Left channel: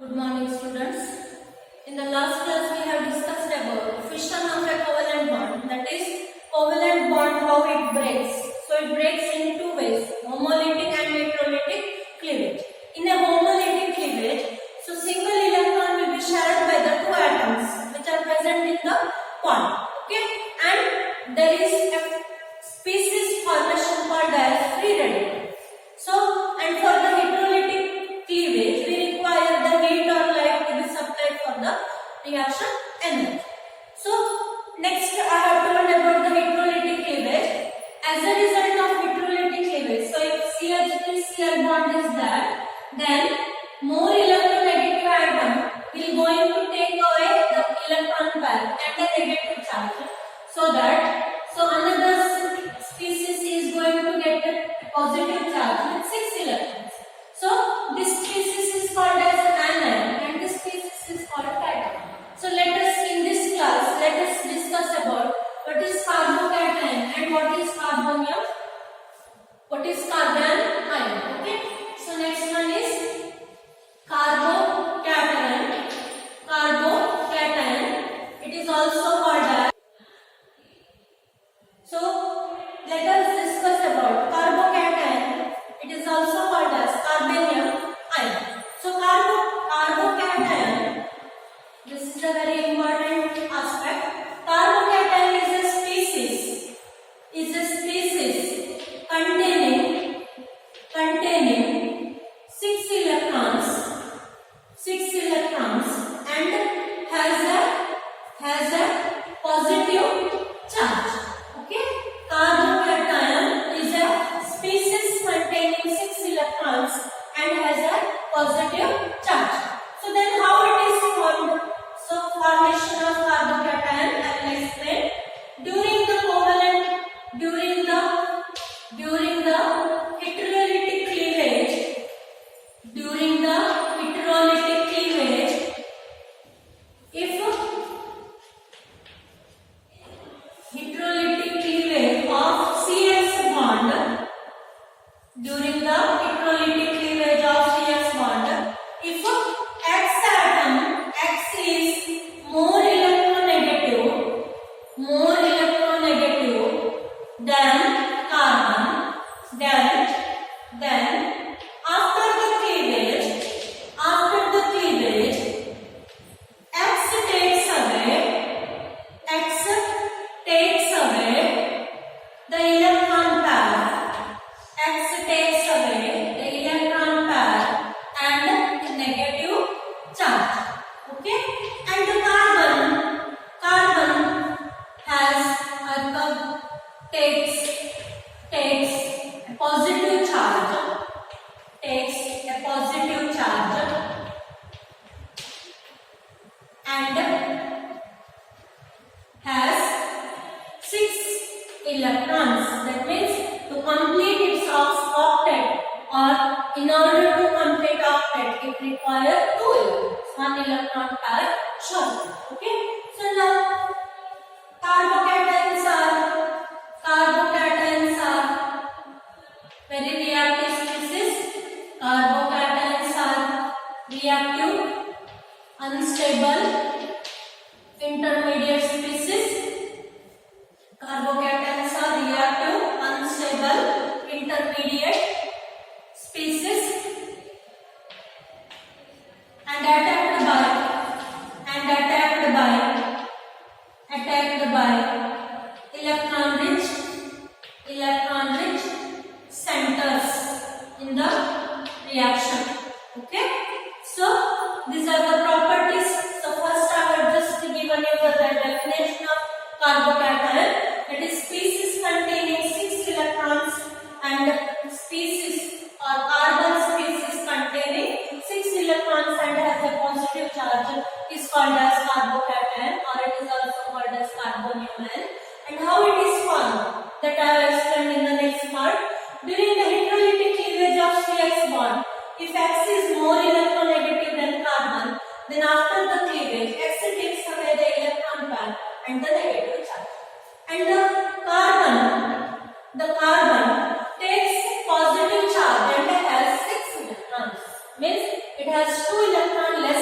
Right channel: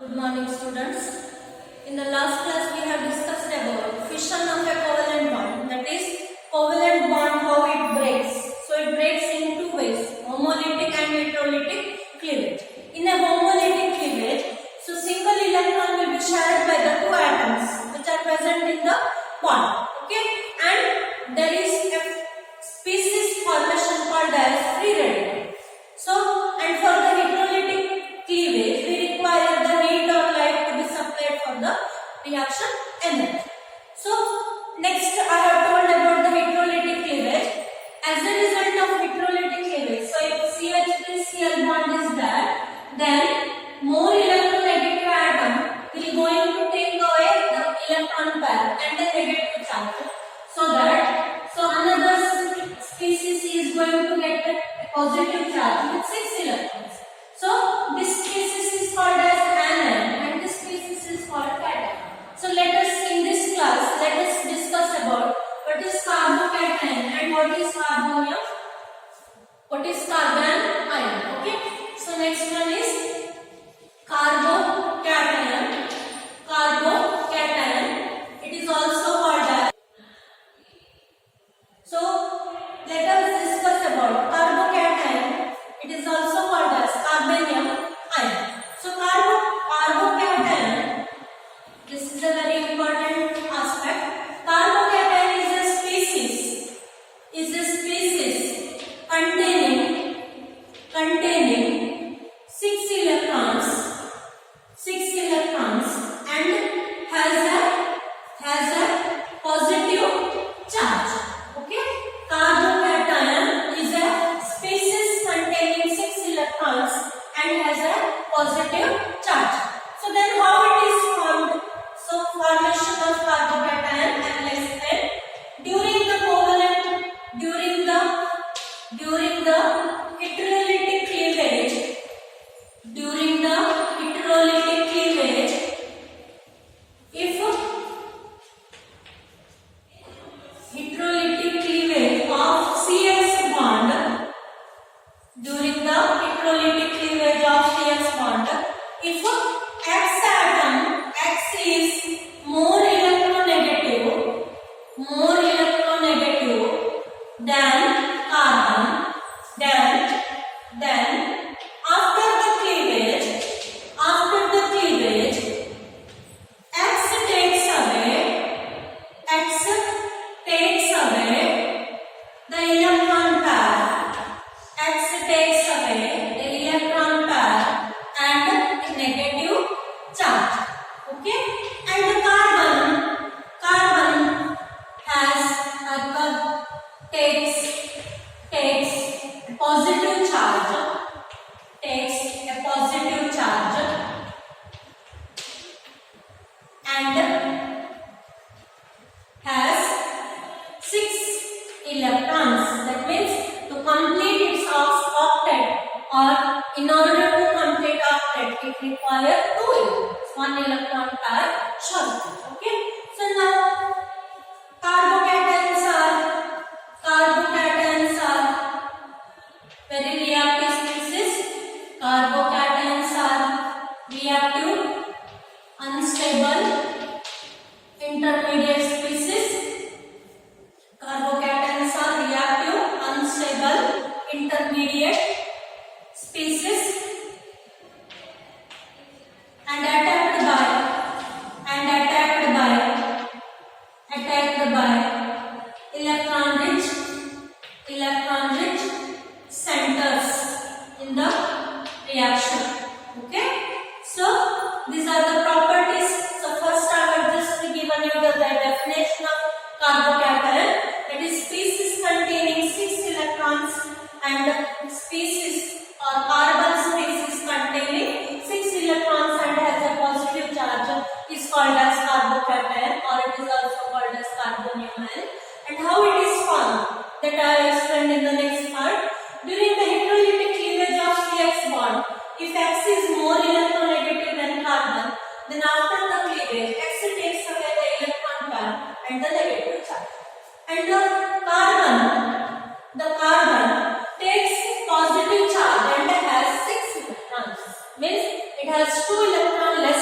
Good morning, students. In the last class, we have discussed about fission of a covalent bond. That is, covalent bond, how it breaks. So, it breaks in two ways, homolytic and heterolytic cleavage. In a homolytic cleavage, so single electron will be shared by the two atoms which are present in the bond. Okay, and there is a species formation called as free radical. So, and for the heterolytic cleavage, we require the heat or light to be supplied for the reaction energy. So, next I have told about the heterolytic cleavage. As a result of heterolytic cleavage, so if CH3Cl bond is there, then more electronegative atom will going to take away the electron pair and the negative charge. So another species is going to get a positive charge with 6 electrons. So this species is called as anion and this species is called cation. So let us in this class discuss about what is carbocation and what is carbonium. What is carbon ion? Okay. So next one is carbocation. Carbocation. It is also called as. So let us discuss about carbocation. It is also called as carbonium ion. So carbocation. This is a very important aspect. Carbocation is a species containing 6 electrons and has a positive charge. Okay, carbocation is a species containing 6 electrons and has a positive charge. So then how it is formed? So formation of carbocation I will explain. During the heterolytic cleavage, if heterolytic cleavage of CX bond, during the heterolytic cleavage of CX bond, if X is more electronegative than carbon, then after the cleavage, X takes away the electron pair. X takes away the electron pair and the negative charge. Okay, and the carbon has takes a positive charge. And has 6 electrons. That means to complete its octet, or in order to complete octet, it requires 2 electrons. 1 electron pair shortage. Okay. So now carbocations are very reactive species. Carbocations are reactive, unstable, intermediate species. Carbocations are reactive, unstable, intermediate species and attacked by electron rich centers in the reaction. Okay, so these are the properties. So first I have just given you the definition of carbocation, that is species containing 6 electrons, and species or carbon species containing 6 electrons and has a positive charge is called as carbocation, or it is also called as carbonium ion. And how it is formed, that I have explained in the next part. During the heterolytic cleavage of CX bond, if X is more electronegative than carbon, then after the cleavage, X takes away the electron pair and the negative charge. And the carbon takes positive charge and has 6 electrons. Means it has 2 electrons less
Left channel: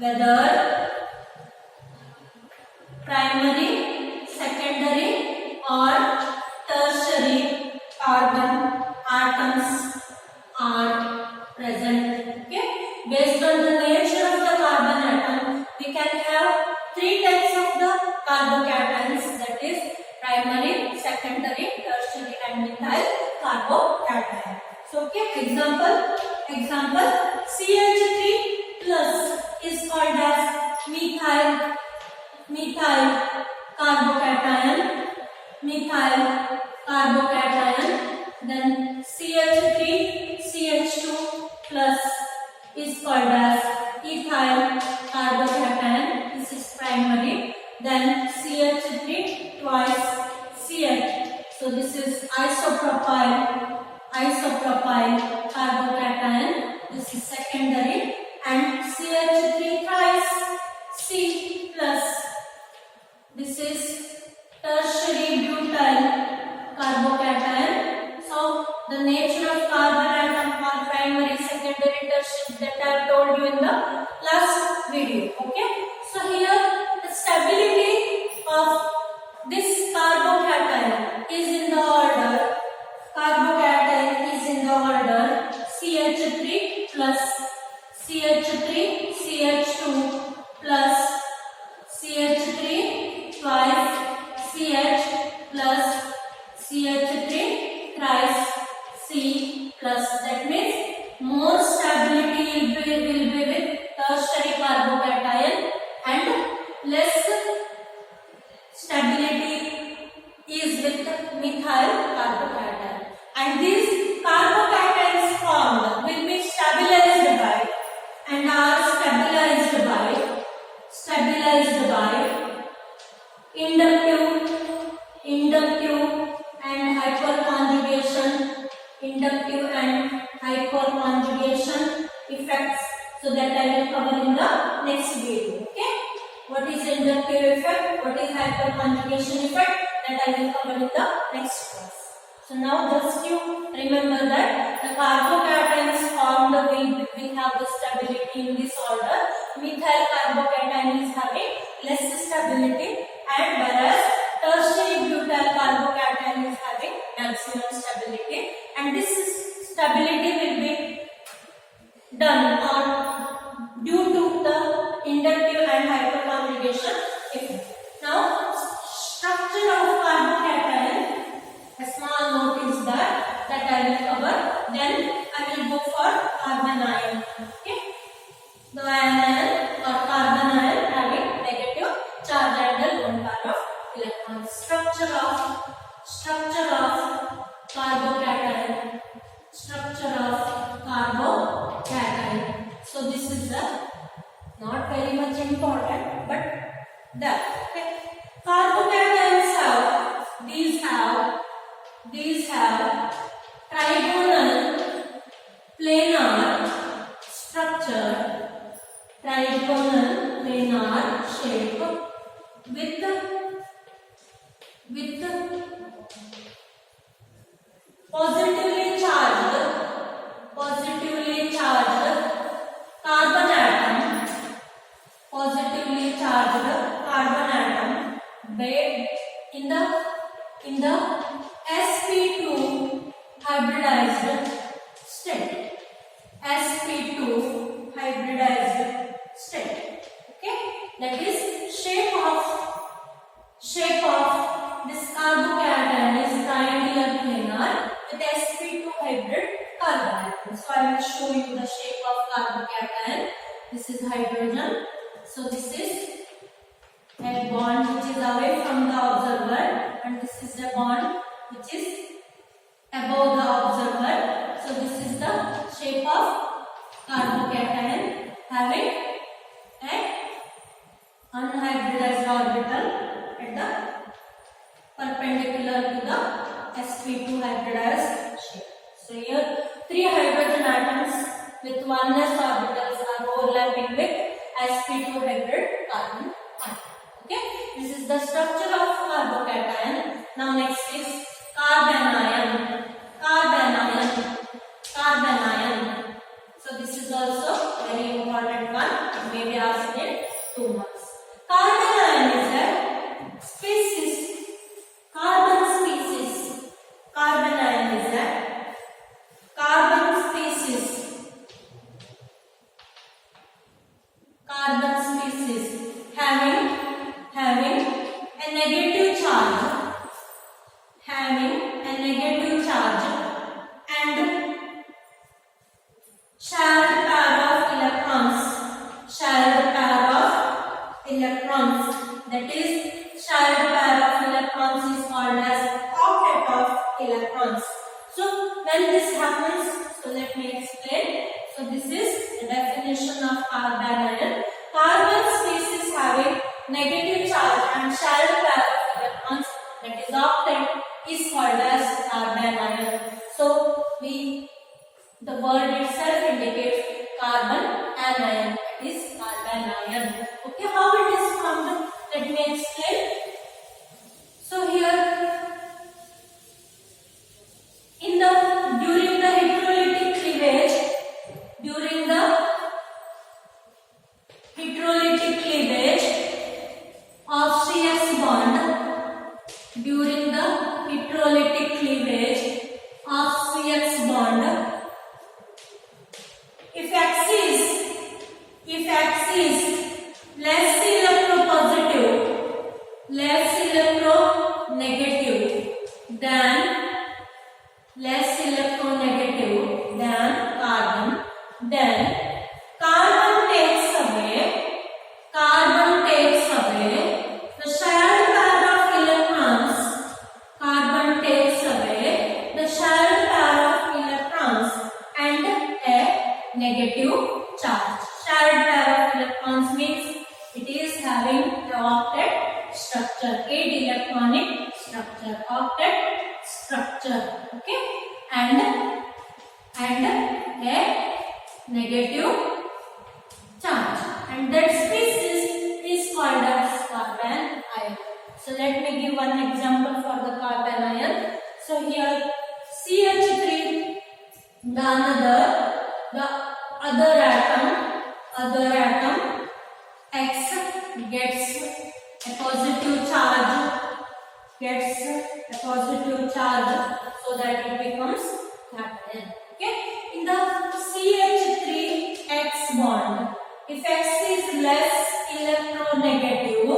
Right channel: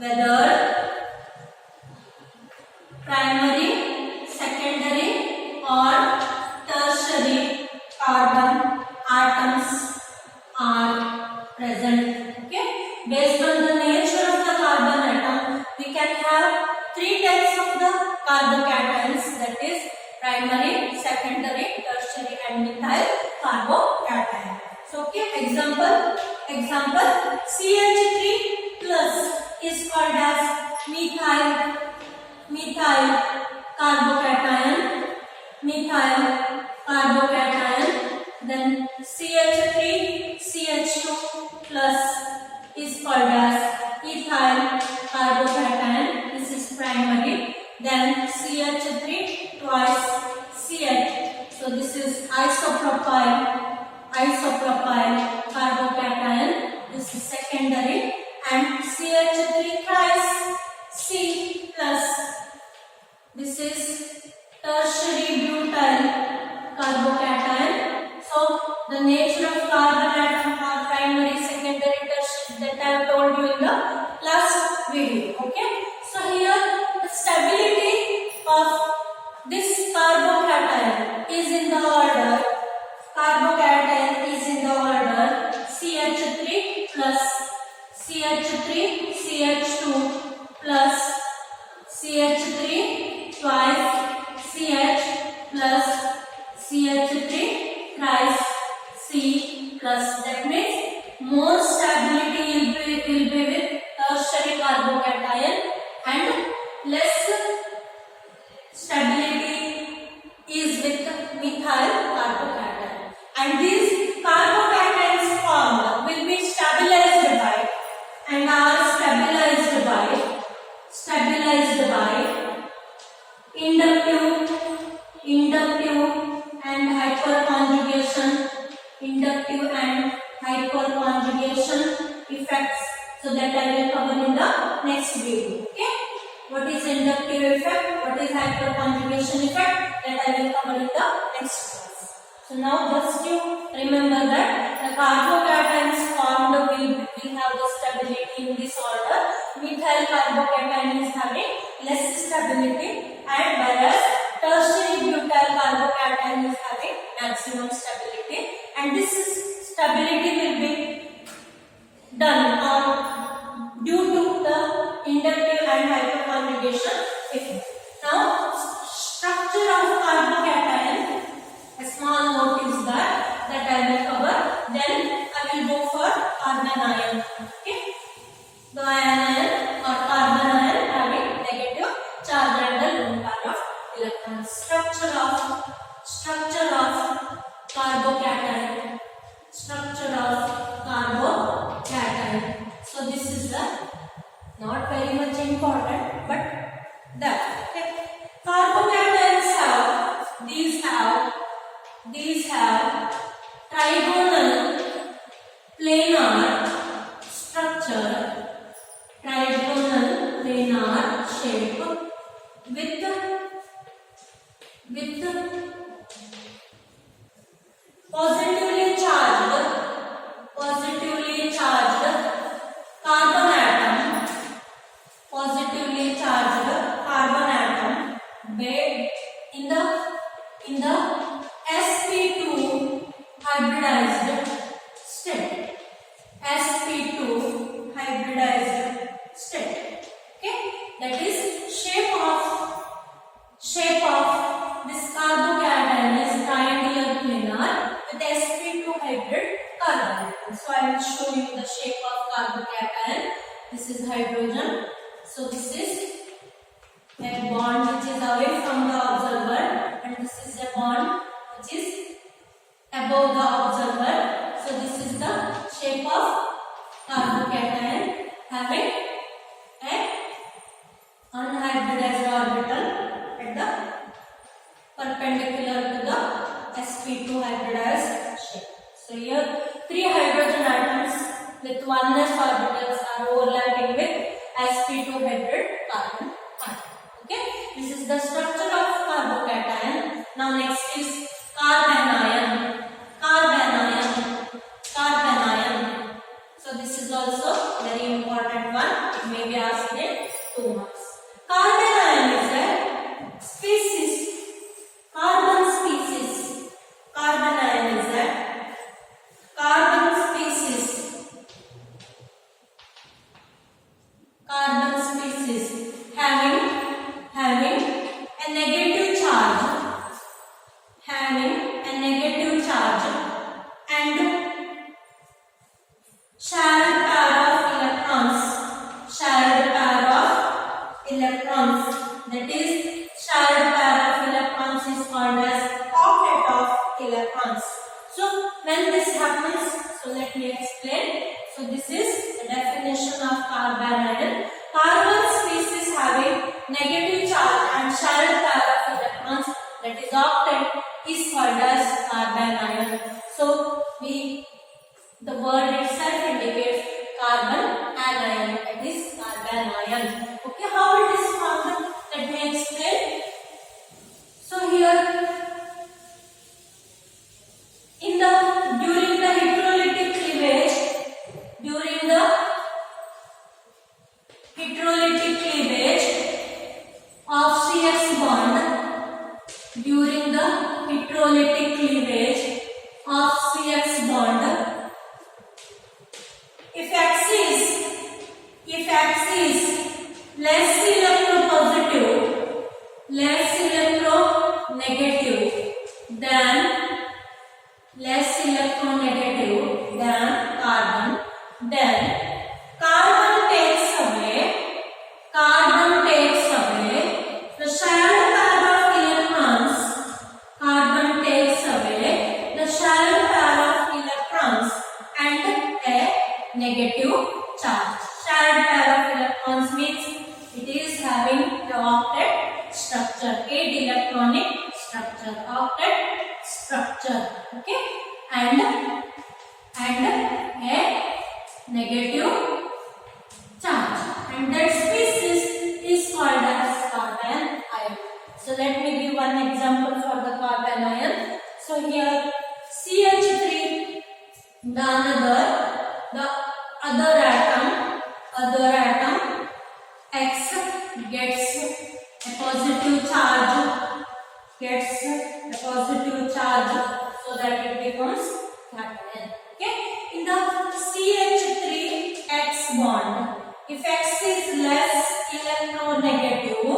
whether primary, secondary or tertiary carbon atoms are present. Okay, based on the nature of the carbon atom, we can have three types of the carbocations, that is primary, secondary, tertiary and methyl carbocation. So okay, example CH3 plus is called as methyl carbocation, then CH3 CH2 plus is called as ethyl carbocation, this is primary, then CH3 twice CH, so this is isopropyl carbocation, this is secondary, and CH3 thrice C plus, this is tertiary butyl carbocation. So the nature of carbon atom for primary, secondary, tertiary, that I have told you in the last video. Okay, so here the stability of this carbocation is in the order CH3 plus CH3 CH2 plus CH3 twice CH plus CH3 thrice C plus, that means more stability will be with tertiary carbocation and less stability is with methyl carbocation, and these carbocations formed will be stabilized by and are stabilized by inductive and hyperconjugation effects, so that I will cover in the next video. Okay, what is inductive effect, what is hyperconjugation effect, that I will cover in the next class. So now just you remember that the carbocations formed will have the stability in this order. Methyl carbocation is having less stability, and whereas tertiary butyl carbocation is having maximum stability, and this stability will be done due to the inductive and hyperconjugation effect. Now structure of carbocation, a small note is that I will cover, then I will go for carbon ion. Okay, the ion or carbon ion having negative charge and the lone pair of electrons. Structure of carbocation. So this is the not very much important, but that. Okay, carbocations these have trigonal planar structure, trigonal planar shape with positively charged carbon atom, in the sp2 hybridized state. Okay, that is shape of this carbocation is triangular planar with sp2 hybrid carbon atom. So I will show you the shape of carbocation. This is hydrogen. So this is a bond which is away from the observer, and this is a bond which is above the observer. So this is the shape of carbocation having a unhybridized orbital at the perpendicular to the sp2 hybridized shape. So here three hydrogen atoms with oneness orbitals are overlapping with sp2 hybrid carbon atom. Okay, this is the structure of carbocation. Now next is carbon ion. So this is also very important one. It may be asked species having a negative charge, and shared pair of electrons. That is, shared pair of electrons is called as octet of electrons. So when this happens, so let me explain. So this is the definition of carbon ion. Carbon species having negative charge and shared pair of electrons, that is octet, is called as carbon ion. So the word itself indicates carbon anion, that is carbon ion. Okay, how it is formed? Let me explain. So here, during the hydrolytic cleavage of CX bond, during the hydrolytic cleavage of CX bond, if X is less electropositive, less electronegative than carbon, then carbon takes away the shared pair of electrons. Carbon takes away the shared pair of electrons and a negative charge. Shared pair of electrons means it is having the octet structure, 8 electronic structure, octet structure. Okay, and a negative charge, and that species is called as carbon ion. So let me give one example for the carbon ion. So here CH3, the other atom X gets a positive charge, so that it becomes capital. Okay, in the CH3X bond, if X is less electronegative,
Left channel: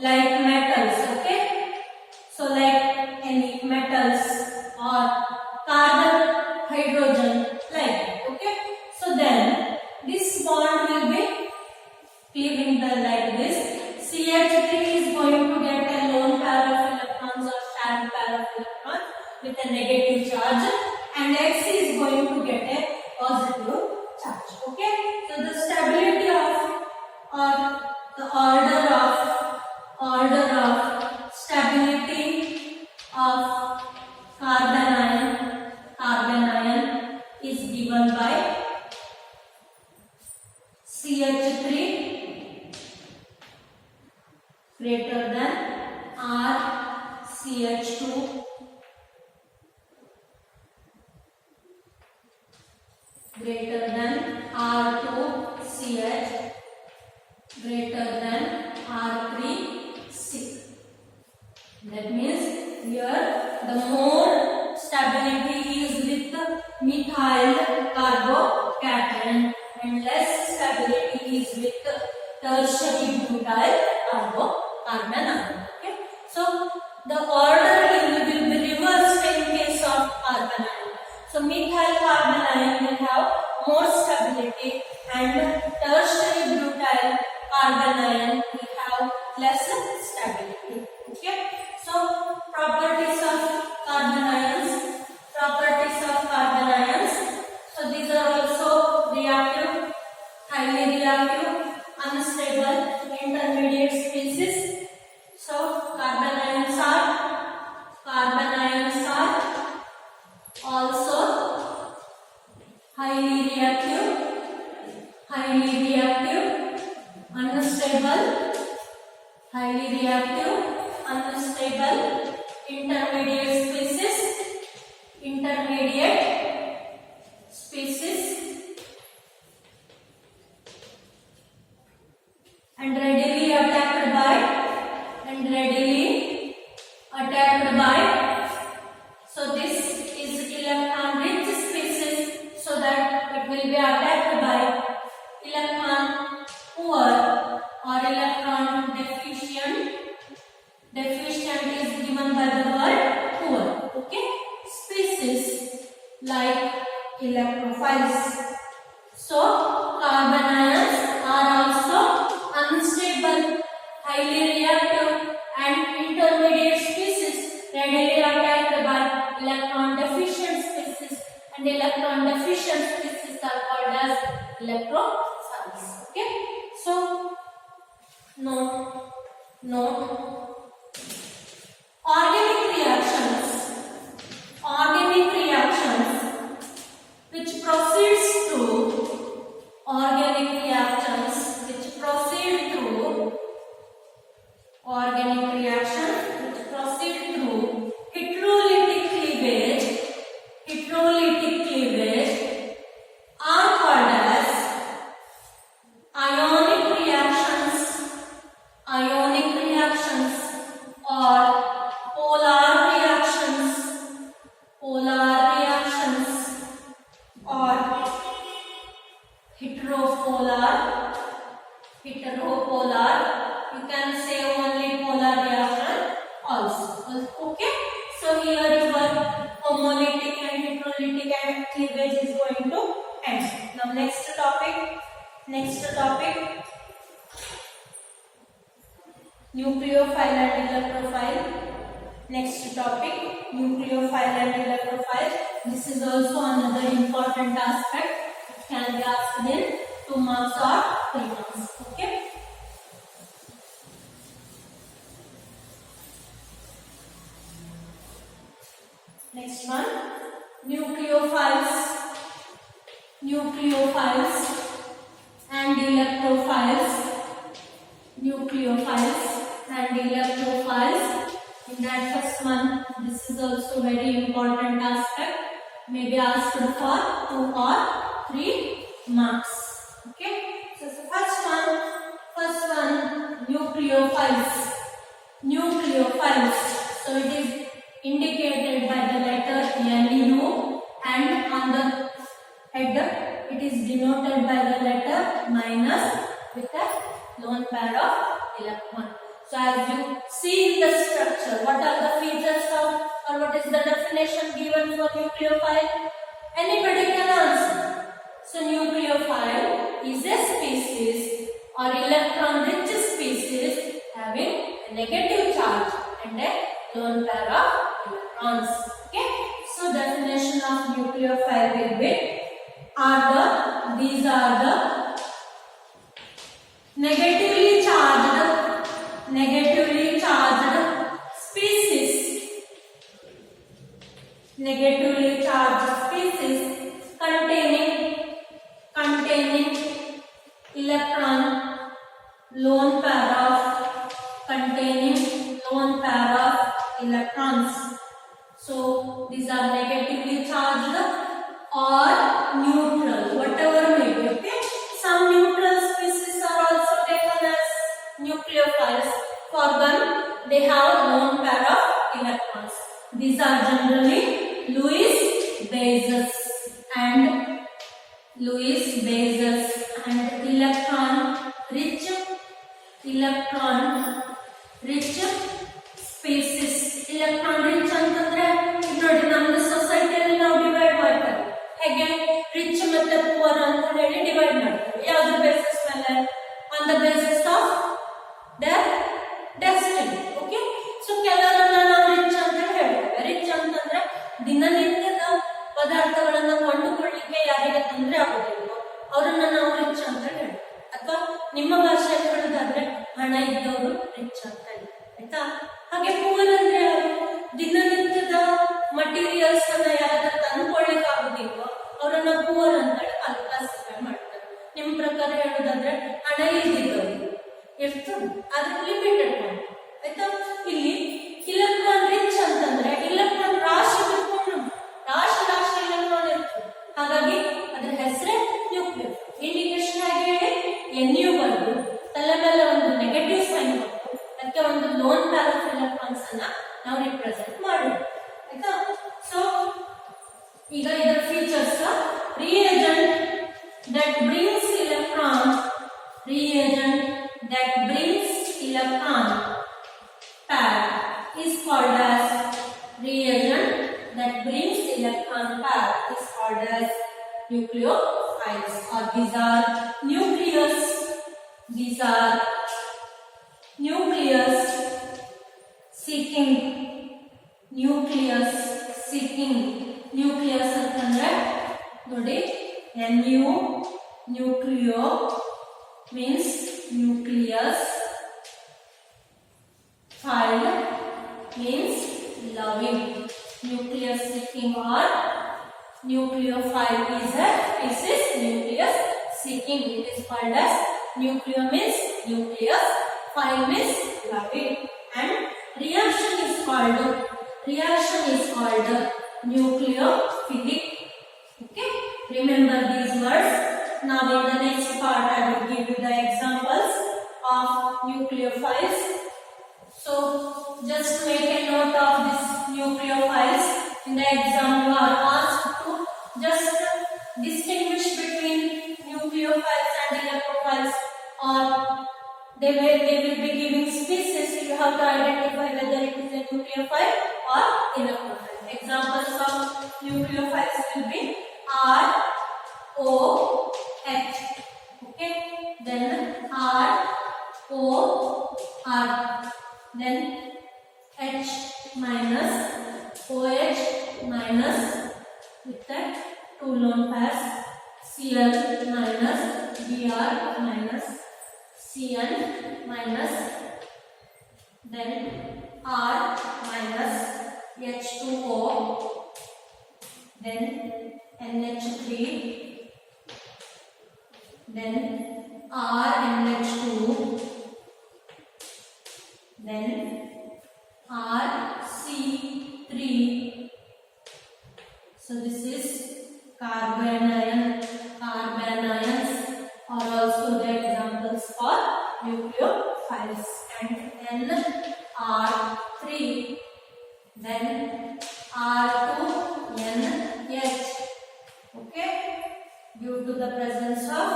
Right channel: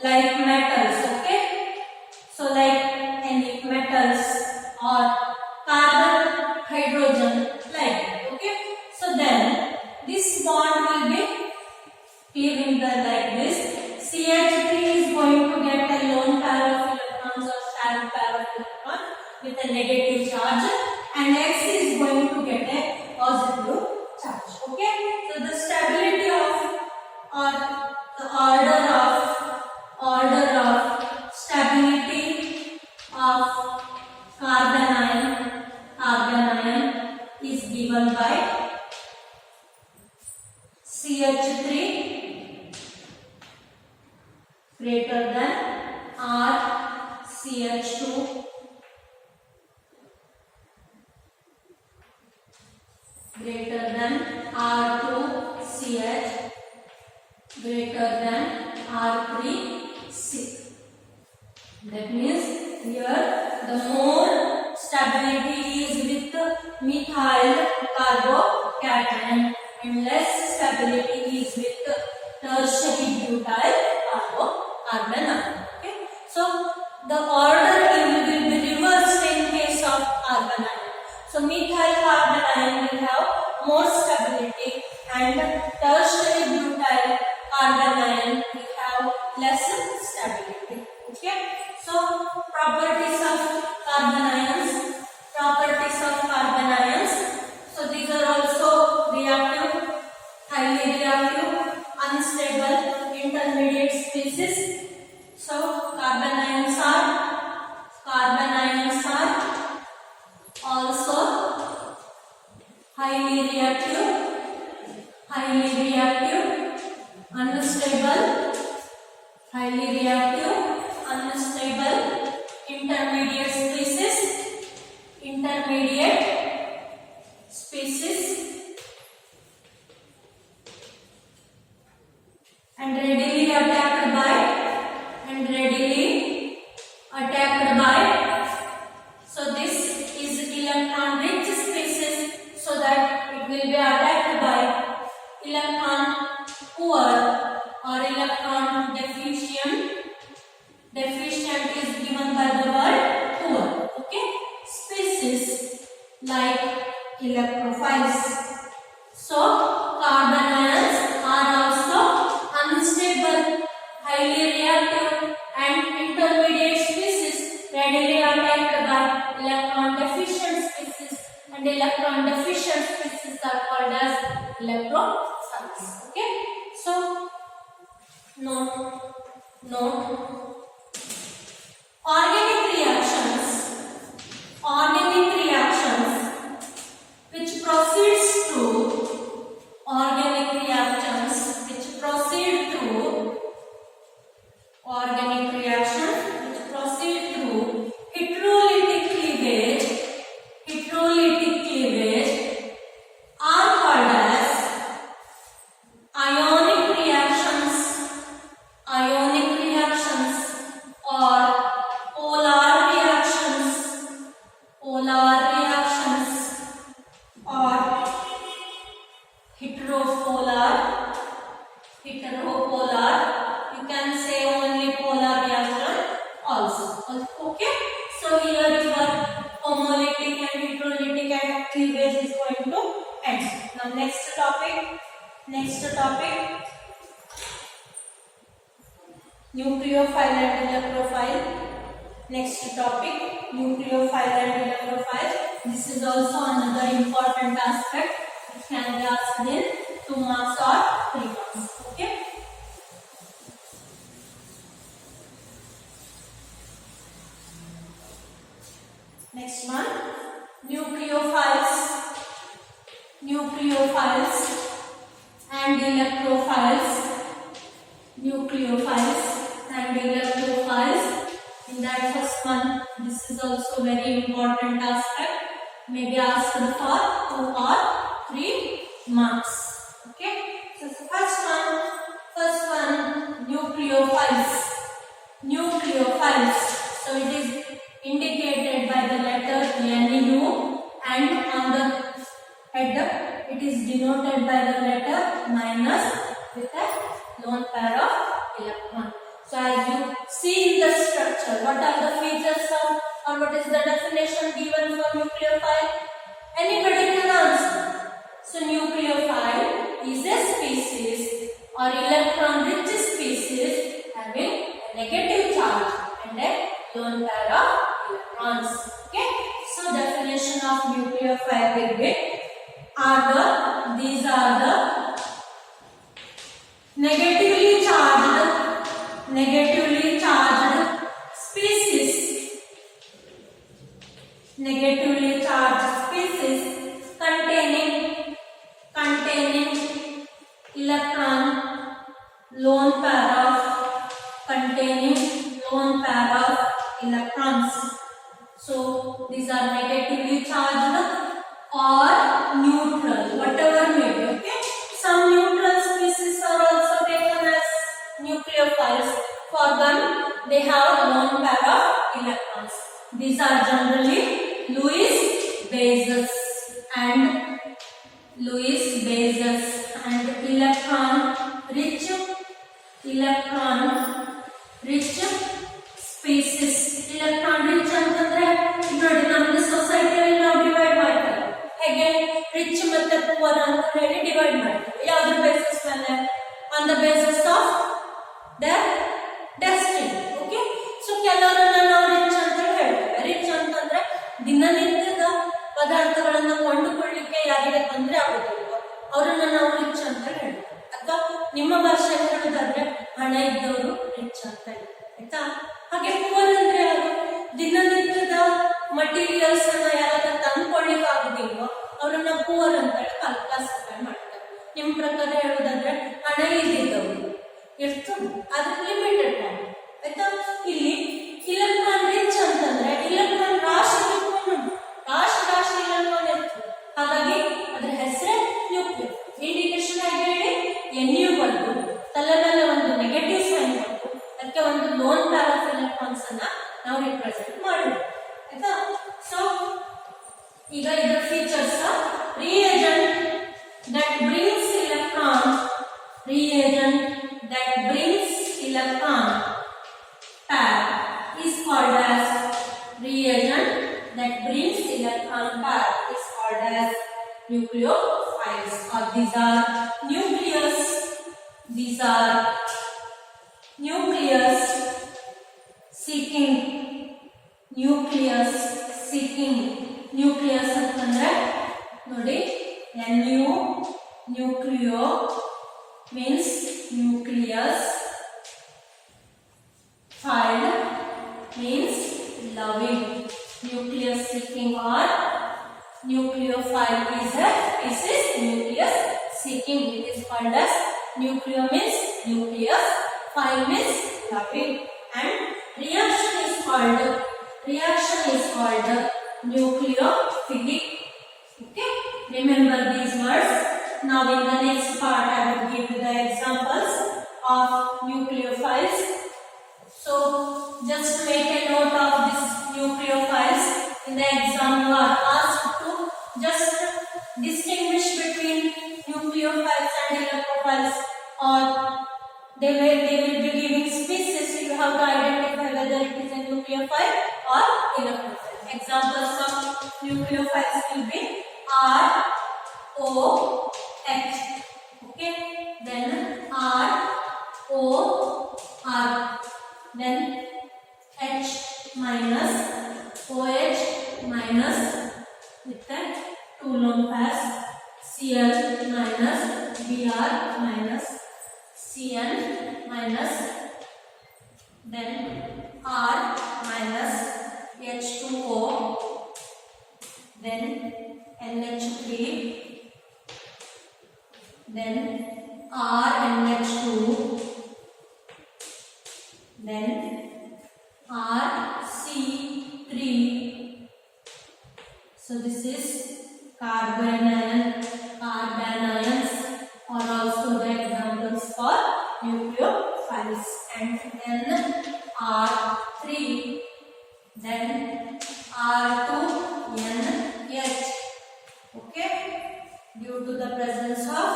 like metals, okay, so like any metals or carbon, hydrogen, like, okay, so then this bond will be cleaving like this. CH3 is going to get a lone pair of electrons or shared pair of electrons with a negative charge, and X is going to get a positive charge. Okay, so the stability of, or the order of stability of carbon ion is given by CH3 greater than RCH2 greater than R2CH greater than R3C. That means here the more stability is with methyl carbocation and less stability is with tertiary butyl carbon ion. Okay, so the order will be reversed in case of carbon ion. So methyl carbon ion will have more stability and tertiary butyl carbon ion will have less stability. Okay, so properties of carbon ions. So these are also reactive, highly reactive, unstable, intermediate species. So carbon ions are also highly reactive, unstable, intermediate species, and readily attacked by. So this is electron rich species, so that it will be attacked by electron poor or electron deficient. Deficient is given by the word poor. Okay. Species like electrophiles. So carbon ions are also unstable, highly reactive, and intermediate species readily attacked by electron deficient species, and electron deficient species are called as electrophiles. Okay. So note organic reactions which proceeds through organic reactions which proceed through heterolytic cleavage are called as ionic reactions or polar reactions or heteropolar. You can say only polar reaction also. Okay. So here your homolytic and heterolytic cleavage is going to end. Now next topic. Nucleophile and electrophile. Next topic, nucleophile and electrophile. This is also another important aspect. It can be asked in 2 marks or 3 marks. Okay. Next one, nucleophiles and electrophiles. In that first one, this is also very important aspect. May be asked for 2 or 3 marks. Okay. So first one, nucleophiles. So it is indicated by the letter Nu, and on the head it is denoted by the letter minus with a lone pair of electron. So as you see in the structure, what are the features of, or what is the definition given for nucleophile? Anybody can answer. So nucleophile is a species or electron-rich species having a negative charge and a lone pair of electrons. Okay. So definition of nucleophile will be these are the negatively charged species containing electron lone pair of electrons. So these are negatively charged or neutral, whatever may be. Okay. Some neutral species are also taken as nucleophiles. For them, they have lone pair of electrons. These are generally Lewis bases and electron-rich species. Electron-rich ಅಂತಂದ್ರೆ ನೋಡಿ ನಮ್ಮ ಸೊಸೈಟಿಯಲ್ಲಿ ನಾವು divide ಮಾಡ್ತಾರೆ. ಹೇಗೆ rich ಮತ್ತೆ poor ಅಂತ ಹೇಳಿ divide ಮಾಡ್ತಾರೆ. ಯಾವುದ್ರ ಬೇಸಿಸ್ ಮೇಲೆ? On the basis of their destiny. Okay. So ಕೆಲವರನ್ನ ನಾವು ರಿಚ್ ಅಂತ ಹೇಳ್ತೇವೆ. ರಿಚ್ ಅಂತಂದ್ರೆ ದಿನನಿತ್ಯದ ಪದಾರ್ಥಗಳನ್ನ ಕೊಂಡುಕೊಳ್ಳಿಕ್ಕೆ ಯಾರಿಗೆ ತೊಂದರೆ ಆಗೋದಿಲ್ವೋ ಅವರನ್ನ ನಾವು ರಿಚ್ ಅಂತ ಹೇಳ್ತೇವೆ. ಅಥವಾ ನಿಮ್ಮ ಭಾಷೆಯಲ್ಲಿ ಹೇಳೋದಾದ್ರೆ ಹಣ ಇದ್ದವರು ರಿಚ್ ಅಂತ ಹೇಳಿ. ಆಯ್ತಾ? ಹಾಗೆ ಪುವರ್ ಅಂದ್ರೆ ಯಾರು? ದಿನನಿತ್ಯದ ಮಟೀರಿಯಲ್ಸ್ ಅನ್ನ ಯಾರಾದ್ರೂ ತಂದ್ಕೊಳ್ಳಿಕ್ ಆಗೋದಿಲ್ವೋ ಅವರನ್ನ ಪುವರ್ ಅಂತ ಹೇಳಿ ಕ್ಲಾಸಿಫೈ ಮಾಡ್ತಾರೆ. ನಿಮ್ ಪ್ರಕಾರ ಹೇಳೋದಾದ್ರೆ ಹಣ ಇದ್ದಿದ್ದವರು ಇರ್ತದೆ, ಆದ್ರೆ ಲಿಮಿಟೆಡ್ ಮಾಡಿ. ಆಯ್ತಾ? ಇಲ್ಲಿ ಇಲೆಕ್ಟ್ರಾನ್ ರಿಚ್ ಅಂತಂದ್ರೆ ಇಲೆಕ್ಟ್ರಾನ್ ರಾಶಿ ಬಿಟ್ಕೊಂಡು ರಾಶಿ ಇಲೆಕ್ಟ್ರಾನ್ ಇರ್ತದೆ. ಹಾಗಾಗಿ ಅದ್ರ ಹೆಸರೇ ನ್ಯೂಕ್ಲಿಯಸ್. ಇಂಡಿಕೇಶನ್ ಆಗಿ ಹೇಳಿ NU ಬಂದು ತಲೆ ಮೇಲೆ ಒಂದು ನೆಗೆಟಿವ್ ಸೈನ್ ಕೊಟ್ಟು ಅದಕ್ಕೆ ಒಂದು ಲೋನ್ ಪೇರ್ ಆಫ್ ಎಲೆಕ್ಟ್ರಾನ್ಸ್ ಅನ್ನ ನಾವು ರಿಪ್ರೆಸೆಂಟ್ ಮಾಡಬಹುದು. ಆಯ್ತಾ? ಸೊ ಈಗ ಇದರ features: reagent that brings electrons electron pair is called as reagent that brings electron pair is called as nucleophiles, or these are nucleus seeking nucleus ಅಂತಂದ್ರೆ ನೋಡಿ nucleo means nucleus, phile means loving, nucleus seeking or nucleophile is a species nucleus seeking. It is called as nucleo means nucleus, phile means loving, and reaction is called nucleophilic. Okay, remember these words. Now in the next part I will give you the examples of nucleophiles. So just make a note of this nucleophiles. In the exam you are asked to just distinguish between nucleophiles and electrophiles, or they will be giving species. You have to identify whether it is a nucleophile or electrophile. Examples of nucleophiles will be R, O, H. Okay, then R, O, R, then H minus, OH minus with the two lone pairs, Cl minus, Br minus, Cn minus, then R minus, H2O, then NH3, then RNH2, then RC3. So this is carbanions are also the examples for nucleophiles, and NR3, then R2NH. Okay, due to the presence of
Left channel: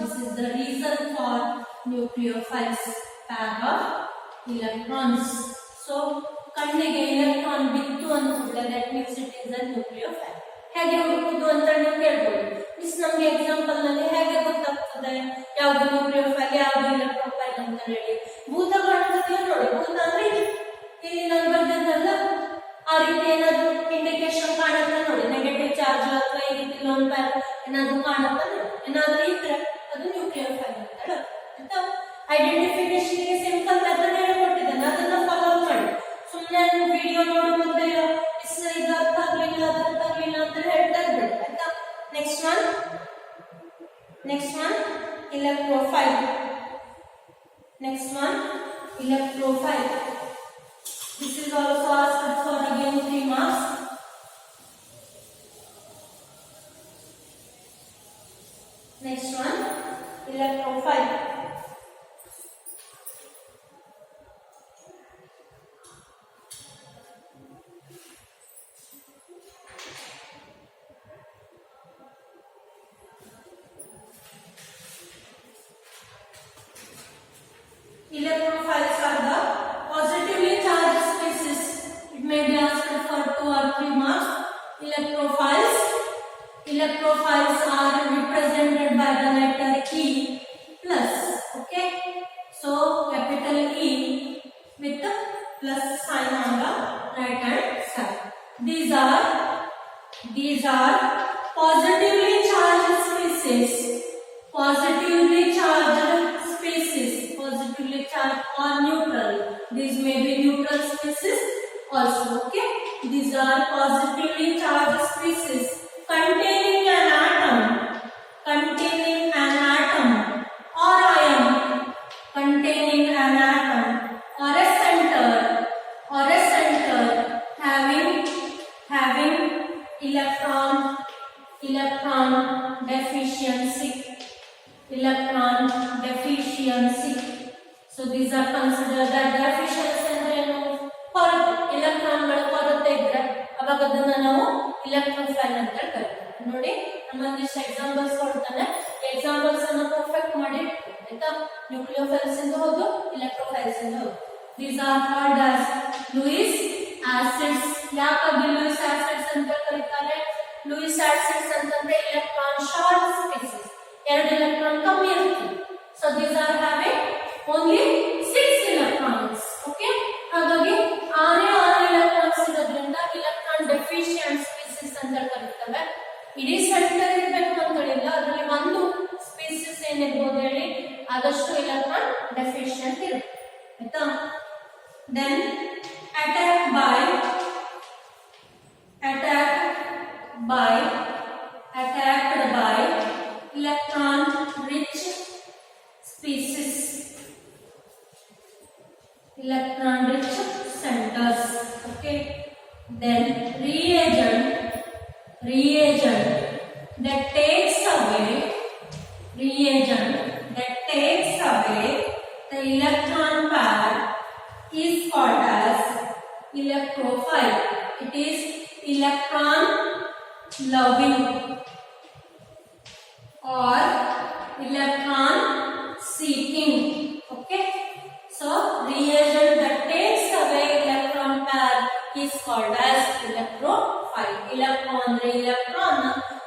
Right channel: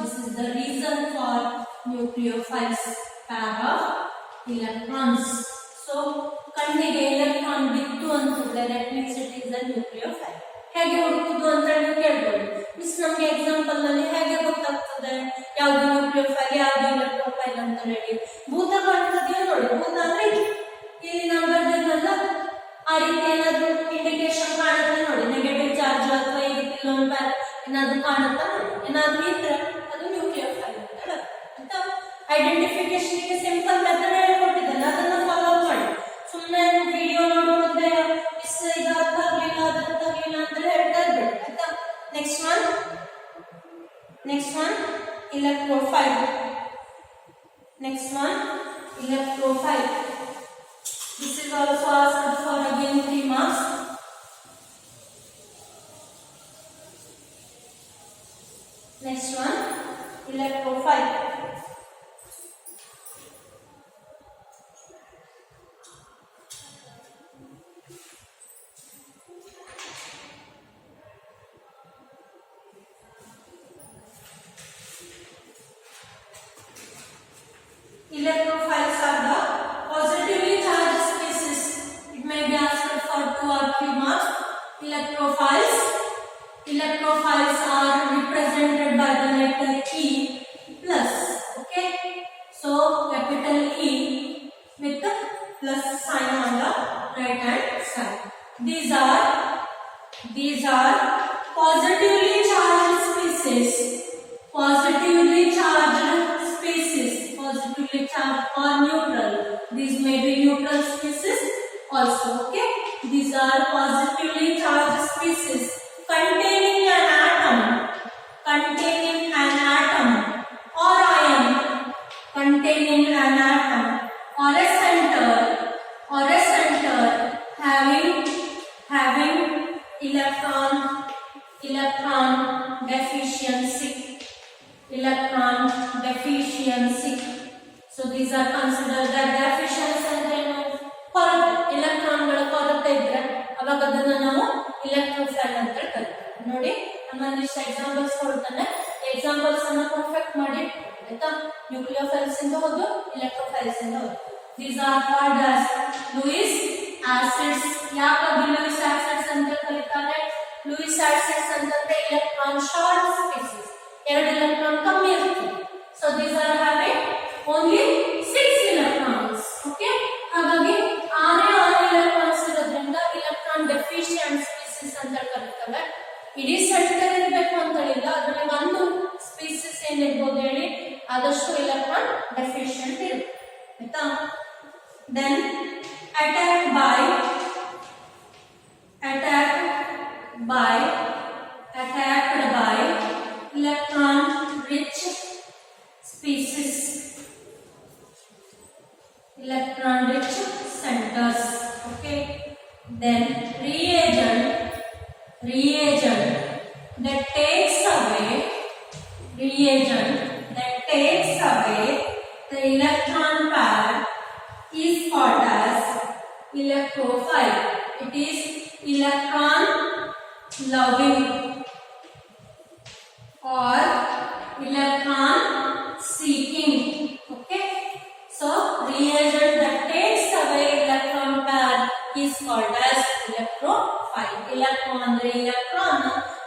this is the reason for nucleophiles, pair of electrons. So ಕಣ್ಣಿಗೆ electron ಬಿತ್ತು ಅಂತಂದ್ರೆ that means it is a nucleophile. ಹೇಗೆ ಹುಡುಕುದು ಅಂತ ನೀವು ಕೇಳ್ಬೋದು. Miss ನಮಗೆ example ನಲ್ಲಿ ಹೇಗೆ ಗೊತ್ತಾಗ್ತದೆ ಯಾವುದು ನ್ಯೂಕ್ಲಿಯೋಫೈಲ್ ಯಾವುದು ಎಲೆಕ್ಟ್ರೋಫೈಲ್ ಅಂತ ಹೇಳಿ? ಭೂತ ಕಾಣ್ತದೆಯೋ ನೋಡಿ, ಭೂತ ಅಂದ್ರೆ ಇಲ್ಲಿ ನಾವು ಬರ್ದಿದ್ದಲ್ಲ ಆ ರೀತಿ ಏನಾದ್ರು ಇಂಡಿಕೇಶನ್ ಕಾಣುತ್ತೆ ನೋಡಿ, ನೆಗೆಟಿವ್ ಚಾರ್ಜ್ ಅಥವಾ ಈ ರೀತಿ ಲೋನ್ ಪ್ಯಾರ್ ಏನಾದ್ರು ಕಾಣುತ್ತಾ ನೋಡಿ, ಏನಾದ್ರು ಇದ್ರೆ ಅದು ನ್ಯೂಕ್ಲಿಯೋಫೈಲ್ ಅಂತ ಐಡೆಂಟಿಫಿಕೇಶನ್ ಗೆ ಸಿಂಪಲ್ ಮೆಥಡ್ ಹೇಳಿಕೊಟ್ಟಿದ್ದೇನೆ, ಅದನ್ನ ಫಾಲೋ ಮಾಡಿ. ಸುಮ್ಮನೆ ವಿಡಿಯೋ ನೋಡು ಮತ್ತೆ ಮಿಸ್ ಇದು ಅರ್ಥ ಆಗ್ಲಿಲ್ಲ ಅದು ಅರ್ಥ ಆಗ್ಲಿಲ್ಲ ಅಂತ ಹೇಳ್ತಾ ಇರ್ಬೇಡಿ ಆಯ್ತಾ. Next one electrophile. Next one electrophile. This is also asked for again 3 marks. Next one electrophile. Electrophiles are the positively charged species. It may be asked for 2 or 3 marks. Electrophiles are represented by the letter E plus. Okay, so capital E with the plus sign on the right hand side. These are positively charged species. Positively charged or neutral. These may be neutral species also. Okay, these are positively charged species containing an atom or ion, containing an atom or a center having electron deficiency. So these are considered the deficiency ಅಂದ್ರೆ ಏನು? ಕೊರತೆ, ಎಲೆಕ್ಟ್ರಾನ್ಗಳ ಕೊರತೆ ಇದ್ರೆ ಅವಾಗ ಅದನ್ನ ನಾವು electrophile ಅಂತ ಕರೀತೀವಿ. ನೋಡಿ, ನಮ್ಮೊಂದಿಷ್ಟು ಎಕ್ಸಾಂಪಲ್ಸ್ ಕೊಡ್ತಾನೆ, ಎಕ್ಸಾಂಪಲ್ಸ್ ಅನ್ನ ಪರ್ಫೆಕ್ಟ್ ಮಾಡಿ ಆಯ್ತಾ. ನ್ಯೂಕ್ಲಿಯೋಫೈಲ್ಸ್ ಇಂದ ಹೌದು, ಇಲೆಕ್ಟ್ರೋಫೈಲ್ಸ್ ಇಂದ ಹೌದು. These are called as Lewis acids. ಯಾಕಾಗಿ Lewis acids ಅಂತ ಕರೀತಾರೆ? Lewis acids ಅಂತಂದ್ರೆ electron short species, 2 electron ಕಮ್ಮಿ ಇರುತ್ತೆ. So these are having only 6 electrons. Okay, ಹಾಗಾಗಿ 6 electrons ಇರೋದ್ರಿಂದ electron deficient species ಅಂತ ಕರೀತೇವೆ. ಇಡೀ ಸೆಂಟರ್ ಇರಬೇಕು ಅಂತ ಹೇಳಿಲ್ಲ, ಅದರಲ್ಲಿ ಒಂದು ಸ್ಪೀಸಿಸ್ ಏನಿರ್ಬೋದು ಹೇಳಿ, ಆದಷ್ಟು electron deficient ಇರುತ್ತೆ. ಆಯ್ತಾ? Then attacked by electron rich species, electron rich centers. Okay, then reagent that takes away the electron pair is called as electrophile. It is electron loving or electron seeking. Okay, so reagent that takes away electron pair is called as electrophile. Electron andre electron,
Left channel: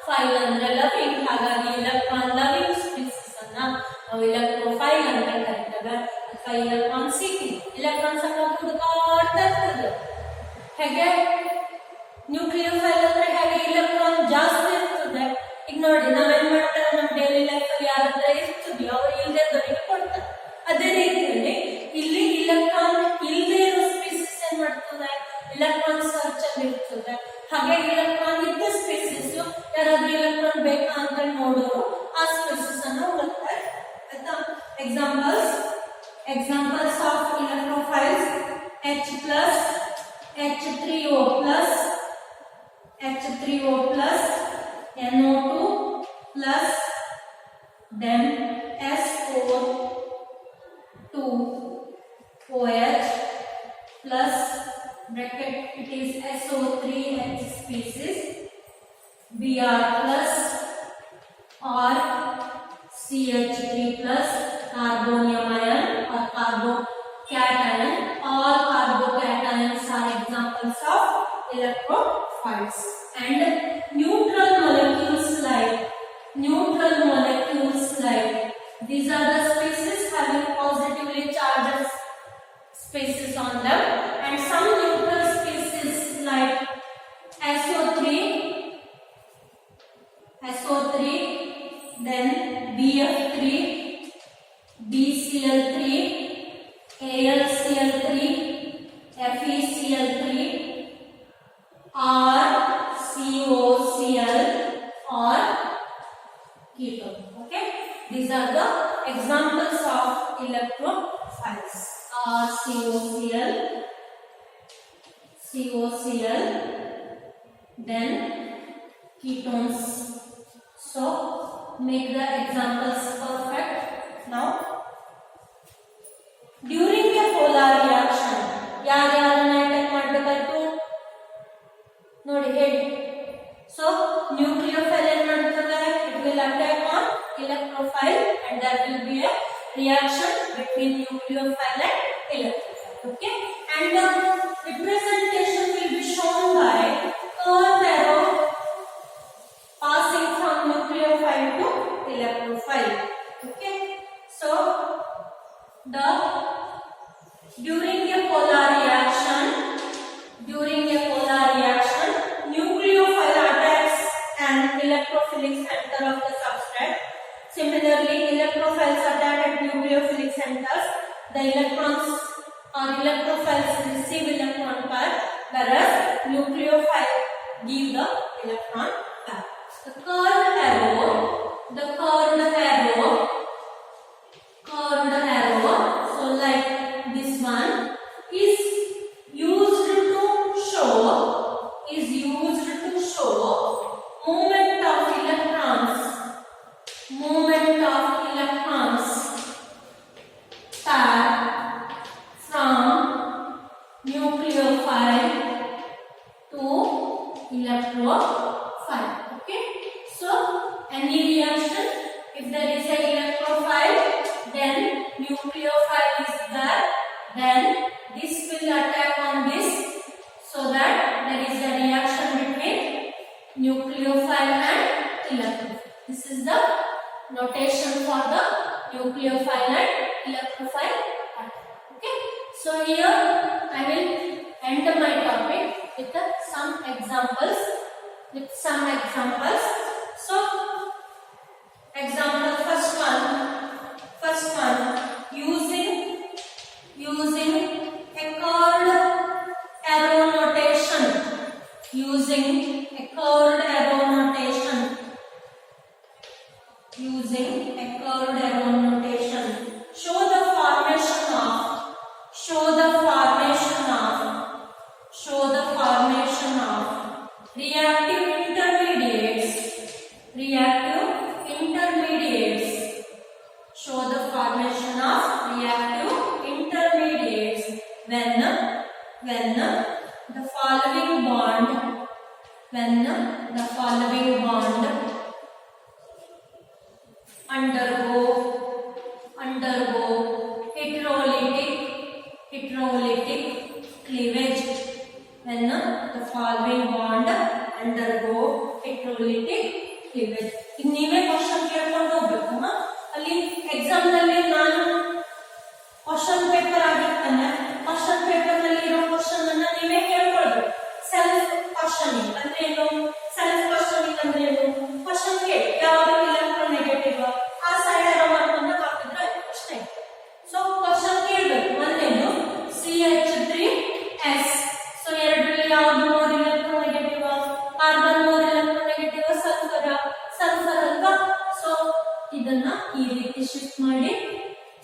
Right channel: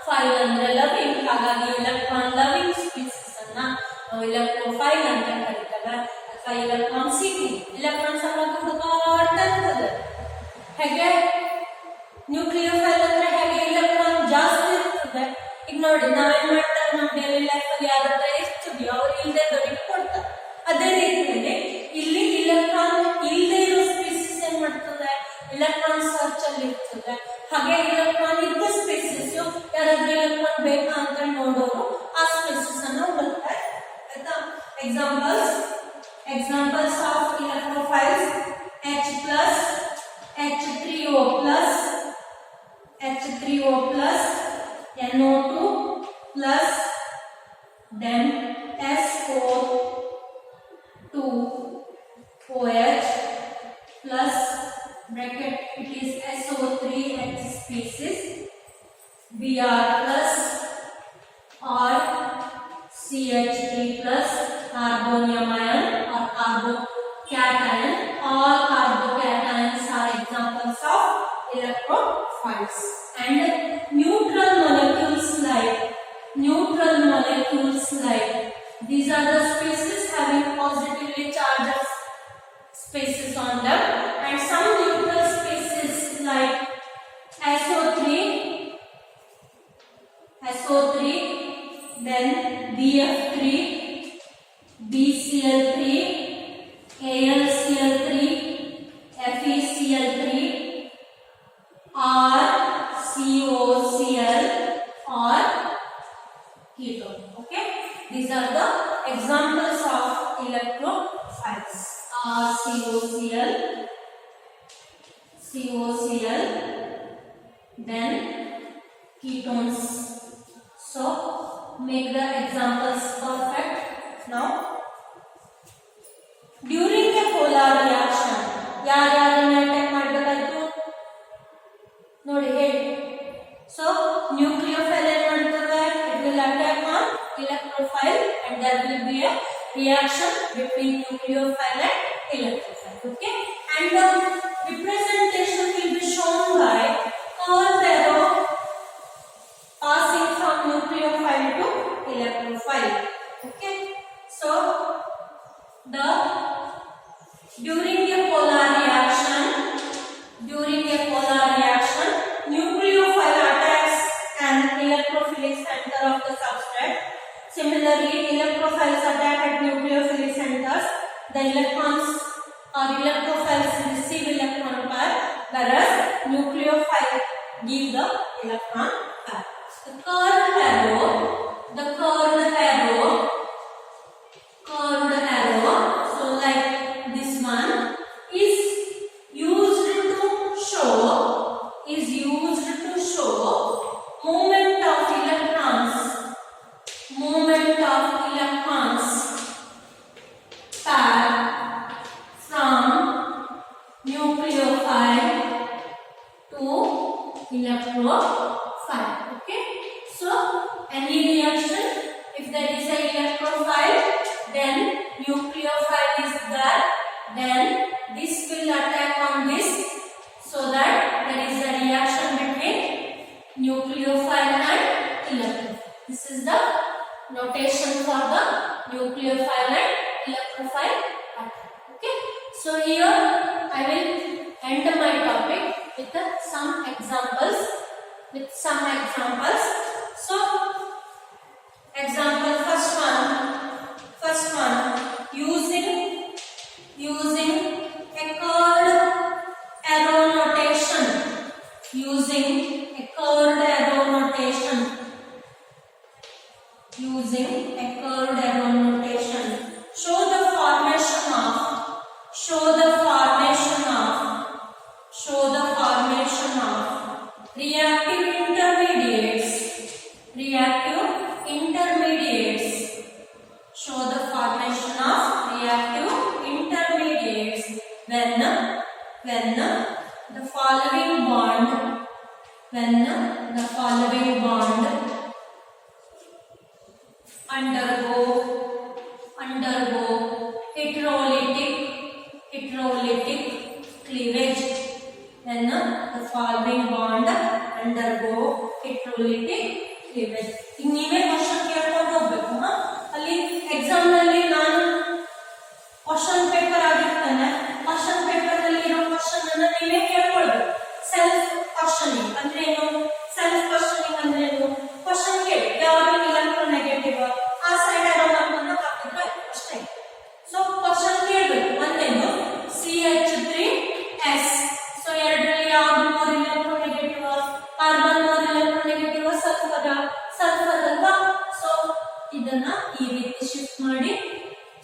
file andre loving. ಹಾಗಾಗಿ electron loving species ಅನ್ನ ನಾವು electrophile ಅಂತ ಕರೀತೇವೆ, ಅಥವಾ electron seeking. electrons ಅನ್ನ ಹುಡುಕಾಡ್ತಾ ಇರ್ತದೆ. ಹೇಗೆ nucleophile ಅಂದ್ರೆ ಹೇಗೆ electron ಜಾಸ್ತಿ ಇರ್ತದೆ. ಈಗ ನೋಡಿ, ನಾವೇನ್ ಮಾಡ್ತಾರೆ, ನಮ್ಮ ಡೈಲಿ ಲೈಫ್ ಅಲ್ಲಿ ಯಾರ ಹತ್ರ ಇರ್ತೀವಿ ಅವ್ರು ಇಲ್ಲದೆ ದೊಡ್ಡ ಕೊಡ್ತಾರೆ. ಅದೇ ರೀತಿಯಲ್ಲಿ ಇಲ್ಲಿ ಇಲೆಕ್ಟ್ರಾನ್ ಇಲ್ಲದೆ ಇರೋ ಸ್ಪೀಸಿಸ್ ಏನ್ ಮಾಡ್ತದೆ, ಇಲೆಕ್ಟ್ರಾನ್ ಸರ್ಚ್ ಅಲ್ಲಿ ಇರ್ತದೆ. ಹಾಗೆ ಇಲೆಕ್ಟ್ರಾನ್ ಇದ್ದ ಸ್ಪೀಸಿಸ್ ಯಾರಾದ್ರೂ ಇಲೆಕ್ಟ್ರಾನ್ ಬೇಕಾ ಅಂತ ನೋಡೋರು ಆ ಸ್ಪೀಸಿಸ್ ಅನ್ನ ಹುಡುಕ್ತಾರೆ. ಆಯ್ತಾ? Examples of electrophiles: H+, H3O+, NO2+, then SO2OH plus bracket, it is SO3H species, Br plus or CH3+, carbonium ion or carbocation. All carbocations are examples of electrophiles. And neutral molecules like these are the species having positively charged species on them, and some neutral species like SO3, then BF3, BCl3, AlCl3, FeCl3, or COCl or ketone. Okay, these are the examples of electrophiles. COCl, then ketones. So make the examples perfect. Now during a polar reaction ಯಾರ್ಯಾರನ್ನ attack ಮಾಡಬೇಕಾಯ್ತು ನೋಡಿ ಹೇಳಿ. So nucleophile ಏನ್ ಮಾಡ್ತದೆ, it will attack on electrophile and there will be a reaction between nucleophile and electrophile. Okay, and the representation will be shown by curved arrow passing from nucleophile to electrophile. Okay, so during a polar reaction nucleophile attacks an electrophilic center of the substrate. Similarly, electrophiles attack at nucleophilic centers. The electrons or electrophiles receive electron pair, whereas nucleophile give the electron pair. The curved arrow, so like this one is used to show movement of electrons pair from nucleophile to electrophile. Okay, so any reaction, if there is a nucleophile and electrophile atom. Okay, so here I will end my topic with some examples. So example first one using a curved arrow notation. Using a curved arrow notation. Show the formation of reactive intermediates. Show the formation of reactive intermediates when the following bond undergo heterolytic cleavage. When the following bond undergo heterolytic cleavage. ಈಗ ನೀವೇ question ಕೇಳ್ಕೊಂಡು ಹೋಗ್ಬೇಕು. ಅಲ್ಲಿ exam ನಲ್ಲಿ ನಾನು question paper ಆಗಿರ್ತಾನೆ, question paper ನಲ್ಲಿ ಇರೋ ಕ್ವಶನ್ ಅನ್ನ ನೀವೇ ಕೇಳ್ಕೊಳ್ಬೇಕು. ಸೆಲ್ಫ್ ಕ್ವಶನಿಂಗ್ ಅಂದ್ರೆ ಏನು? ಕ್ವಶನ್ ಕೇಳಿ ಯಾವುದು ಇಲೆಕ್ಟ್ರೋನೆಗೆಟಿವ್ ಆ ಸೈಡ್ ಇರೋ ಮಾರ್ಕನ್ನ ಹಾಕಿದ್ರೆ ಆಯ್ತು ಅಷ್ಟೇ. ಸೊ ಕ್ವಶನ್ ಕೇಳಬೇಕು. ಒಂದೇನು CH3S. ಸೊ ಎರಡರಲ್ಲಿ ಯಾವುದು more electronegative? Carbon more electronegative, sulphur ಅಲ್ವಾ? ಸೊ ಇದನ್ನ ಈ ರೀತಿ ಶಿಫ್ಟ್ ಮಾಡಿ.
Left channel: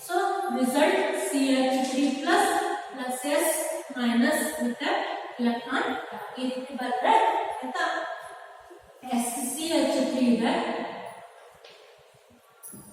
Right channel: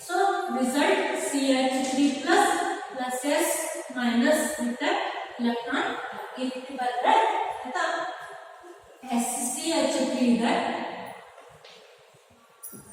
So result CH3 plus S minus with electron ಈ ರೀತಿ ಬಂದ್ರೆ ಆಯ್ತಾ. CH3 ಇದೆ